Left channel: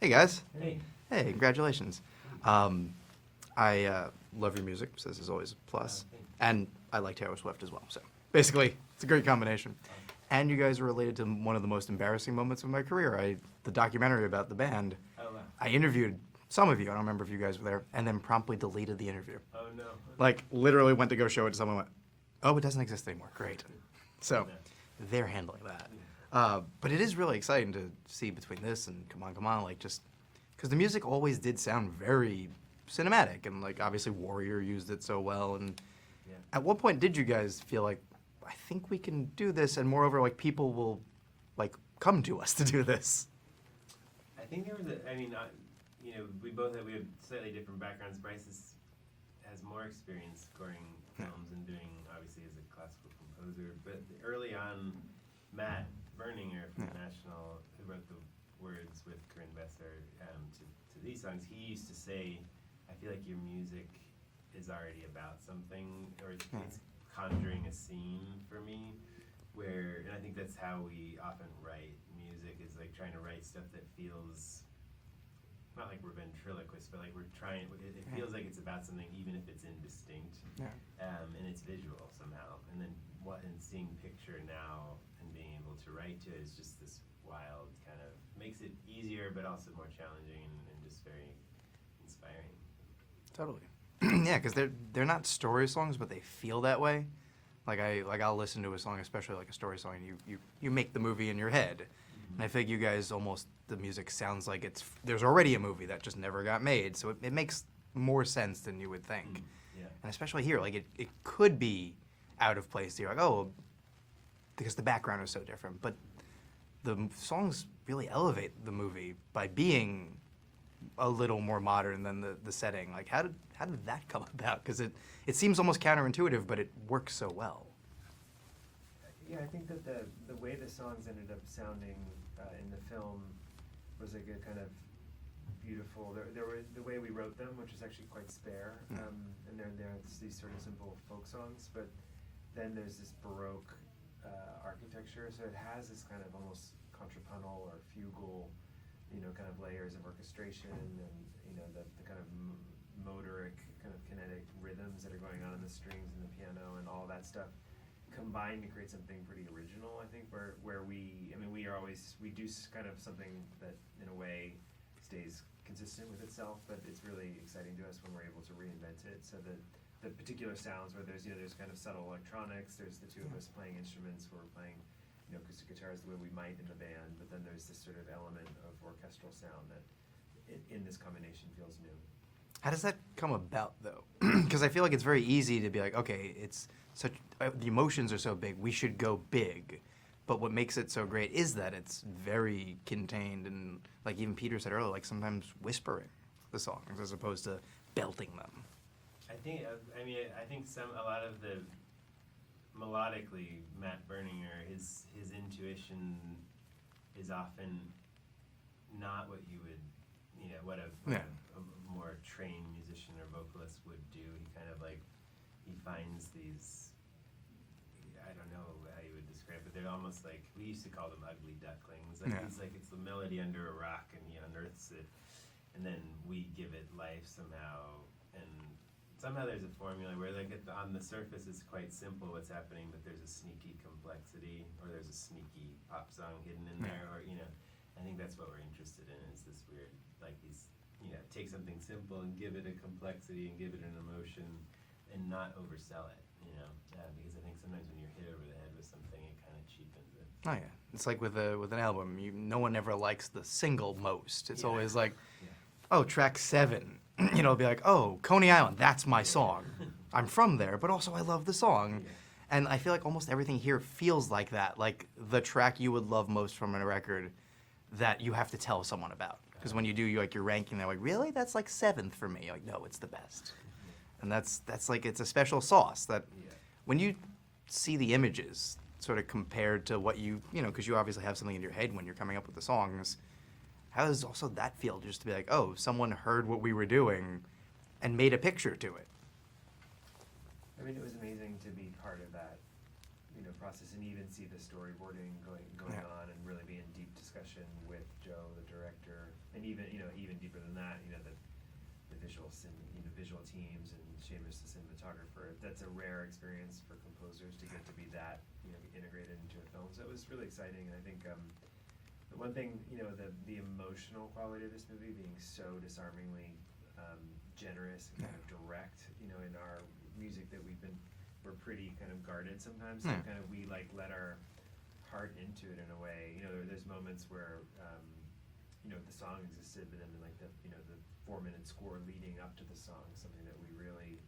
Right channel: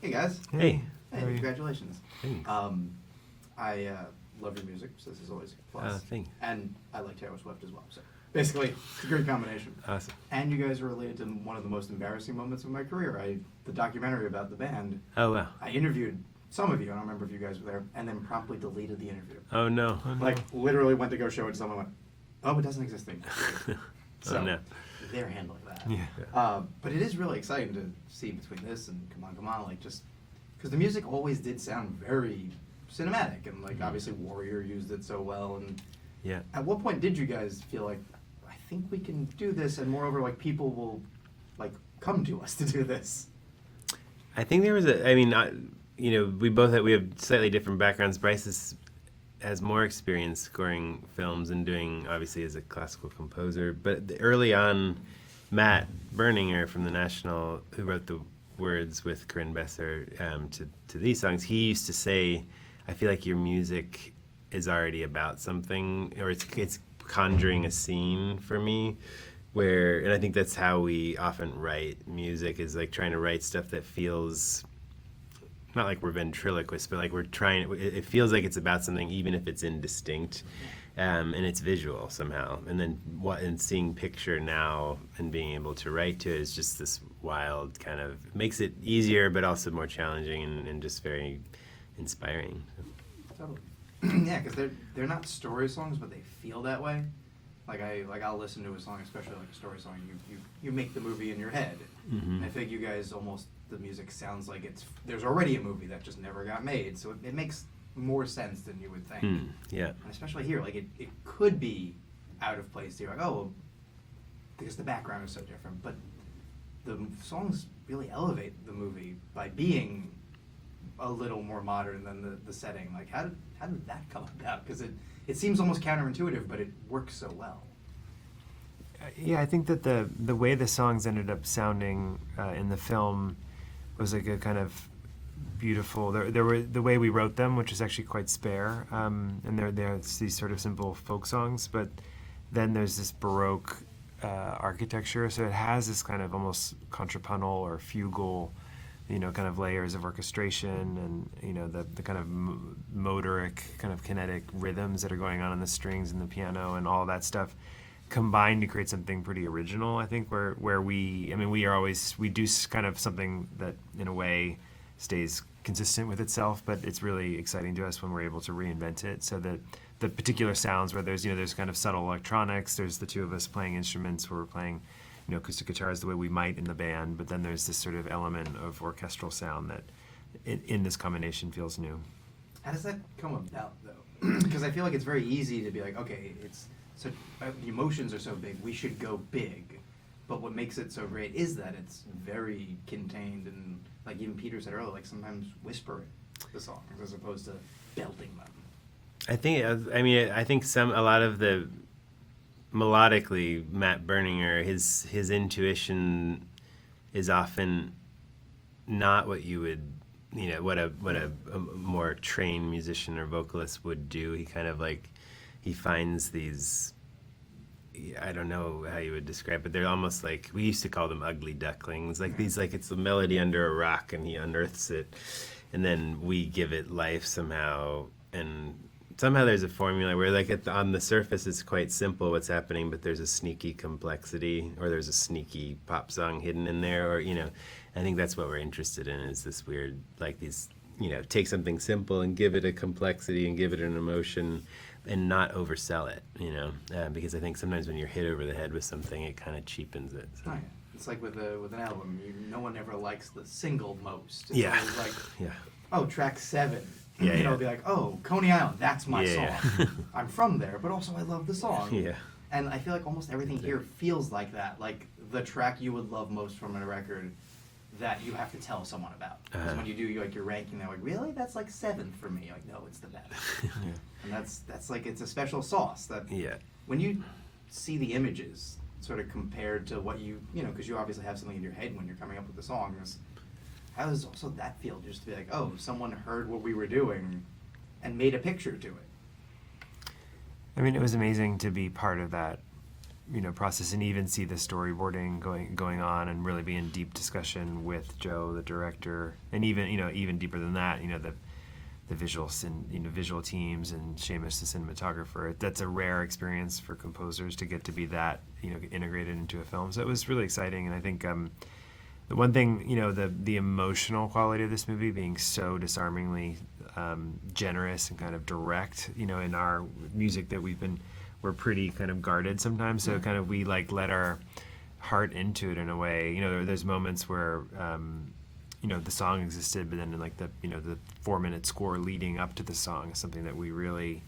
Hey guys. Hey. Hey, congratulations. Hey. I love your music, so this is always a plus. Thanks. And I like Taylor Swift as well, so basically, it's a great combination. Awesome. And you guys are related to one of the most embarrassing moments of my career. The documentary about the band. Oh, wow. I interviewed some of you, I don't remember if you guys were there, and then promptly deleted the interview. Oh, no. Like, literally went to go show it to someone, went, oh, it doesn't exist anymore. Great. So, no. they're handling that. Yeah. But it is really exciting to see between this and Come On, like just because the music always did sound very cinematic, and like obviously Warrior used it so well. And Yeah. at what point did you guys feel like, I think we can do this, and moreover, like people will like come to us to do this? I think there was we have slightly different backgrounds. Bryce has more experience scoring films and doing, obviously, as a classical composer. But early on, Matt Berninger from the National, who wrote the words with Corinne Besser to these songs, he used to say, I feel like your music is already about something, or it's conjuring a scene for me, and I think that's how we often write music, is like trying to write stuff that feels not like we're ventriloquists, but like it feels like it's about something, even if it's indistinct, and it's visual somehow. And then seeing picture now and being able to write to it is just this wild kind of, makes it easier, but also more challenging and just very inspiring. Totally. Yeah, because they're not story songs, but they feel that way. I'll listen to a song, especially like a story song, you make the movie in your head. Mm-hmm. And I think you guys the music sounds like there's already a movie that just never got made, so it makes more sense than you would think. Yeah. And especially here, like it could be out of place. You're like, oh, because the background is so different. But the songs really elevate the movie by being a little more modern than the setting. Like, how did that come about? Because it seems almost counterintuitive, but it works so well. Yeah, I think that the way the songs ended up sounding in the film was like a kind of beautiful. There were the way we wrote them, which is actually quite spare, and there's these sort of simple folk songs, but then there's this Baroque architecture, so it has this kind of almost contrapuntal or fugal, kind of layers of orchestration, and the kind of motoric, kind of kinetic rhythms that are going on in the strings and the piano and all that stuff combined to create something pretty original. I think where we do kind of something that in a way stays consistent with itself, but it's really exciting to us when we're able to reinvent it, so that the particular sounds where there's kind of subtle electronics, there's the two of us playing instruments where we're playing acoustic guitars the way we might in the band, but then there's this sort of element of orchestral sound that in this combination feels new. How does that come about, though? Because I feel like it's very easy to be like, okay, the emotions are so big, we should go big. But what makes it so great is that it's very contained, and like even Peter said earlier, like sometimes whispering the songs as opposed to belting them. I think a lot of the melodically, Matt Berninger, his intuition is often not what you would, what a more trained musician or vocalist would do. He kind of he finds these, I don't know how you would describe it, they're almost like, we used to call them ugly ducklings, it's a melody under a rock and he unearths it, and then we give it life somehow, and somehow there's a formula where on the surface it's quite simple what's happening, but there's a sneaky complexity, or there's a sneaky pop song hidden in there, or I think that's what we're interested in, is this weird, take something simple and give it a complexity and give it an emotion and not oversell it, because I think sometimes when you're hit over the head with something, it kind of cheapens it. So. Oh, yeah. It's like with an album, no one ever likes the single most. It's always like, oh, track 7. Yeah, It'll be like, oh, Coney Island, that's my song. Yeah. I'm from there, but also I love the song. Yeah. And I feel like almost everything here feels like that, like the track you would love most from a record that you have to tell someone about. Because when you do, you're ranking, they're like, really? That's like 7th for me. Like, no, it's the best. And that's like, it's a special sauce that when you see the images sort of compared to what because you obviously have something in your head when you're coming up with the songs, how does also that feel, just to be like, oh, someone heard what we were doing and made a picture to it? I mean, it was amazing to be part of that process, and even see the storyboarding going on, and really be in deep discussion with Joe, the director, and even deeper than that, the visuals and visual teams and Seamus, the cinematographer. That's a rare experience for composers to get to be that integrated into a film. So it was really exciting, and I think the one thing, the emotional quality of this movie being so disarmingly generous and kind of direct, in our music that we're pretty kind of guarded sometimes. So kind of we let our heart into it in a way. There's moments where the song existed, but then in the 4-minute score leading up to the song is something that we really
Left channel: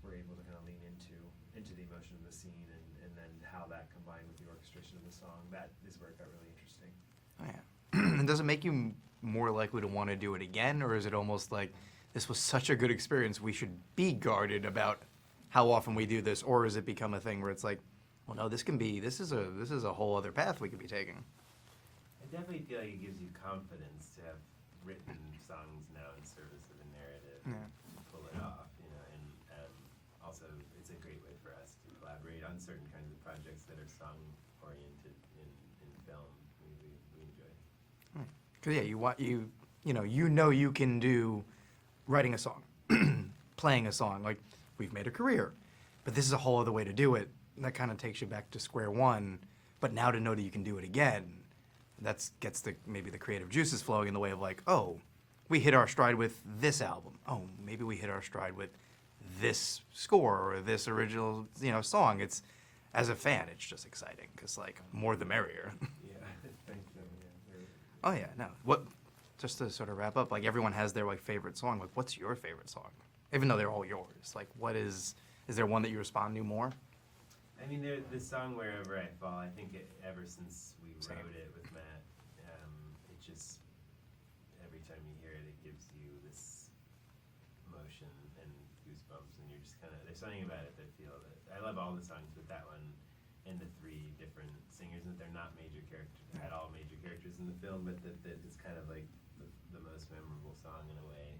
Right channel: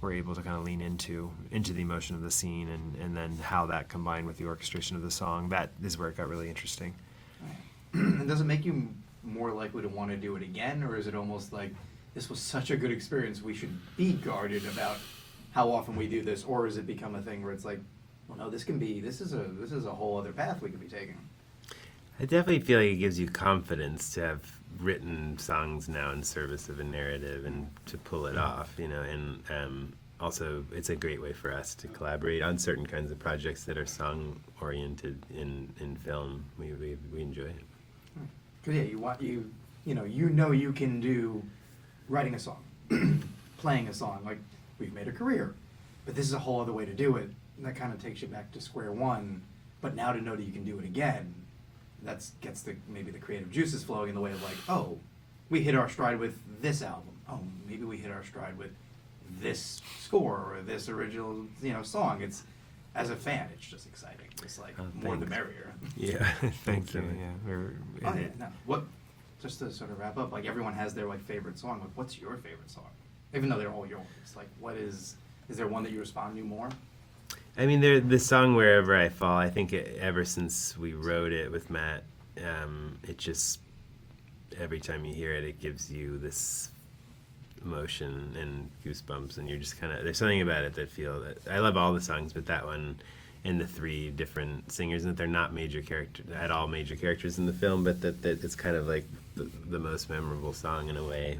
were able to kind of lean into the emotion of the scene, and then how that combined with the orchestration of the song. That is where it got really interesting. And does it make you more likely to want to do it again, or is it almost like this was such a good experience we should be guarded about how often we do this, or has it become a thing where it's like, well, no, this is a whole other path we could be taking? I definitely feel like it gives you confidence to have written songs now in service of a narrative and to pull it off, and also it's a great way for us to collaborate on certain kinds of projects that are song oriented in film. We enjoy it. 'Cause you can do writing a song, playing a song, like we've made a career, but this is a whole other way to do it. That kind of takes you back to square one. But now to know that you can do it again, that gets maybe the creative juices flowing in the way of like, oh, we hit our stride with this album. Oh, maybe we hit our stride with this score or this original song. It's, as a fan, it's just exciting. It's like more the merrier. Yeah. Thank you. Oh yeah. No. Just to sort of wrap up, like everyone has their favorite song. Like, what's your favorite song? Even though they're all yours, like, is there one that you respond to more? I mean, the song "Wherever I Fall." I think ever since we wrote it with Matt, it just every time you hear it, it gives you this emotion and goosebumps, and you're just kind of, there's something about it that I love all the songs, but that one and the 3 different singers, and that they're not major characters in the film, but that it's kind of like the most memorable song in a way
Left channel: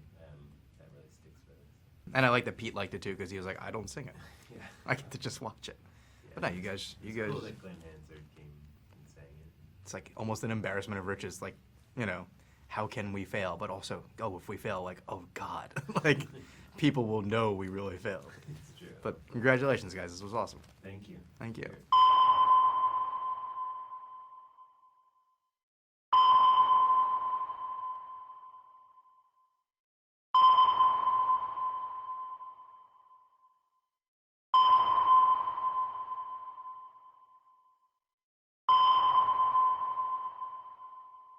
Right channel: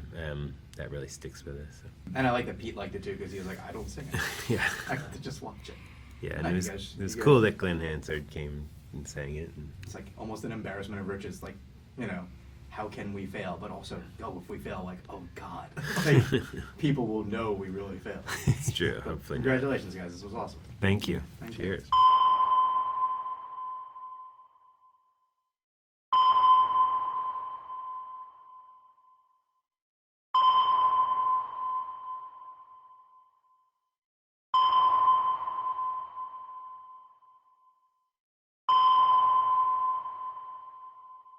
that really sticks with us. So. And I like that Pete liked it too, because he was like, I don't sing it. Yeah. I get to just watch it. Yeah, And and it was cool that Glenn Hansard came and sang it. And it's like almost an embarrassment of riches, like, how can we fail? But also, if we fail, like, oh God, like, people will know we really failed. It's true. But Hopefully. congratulations, guys. This was awesome. Thank you. Thank you. Cheers.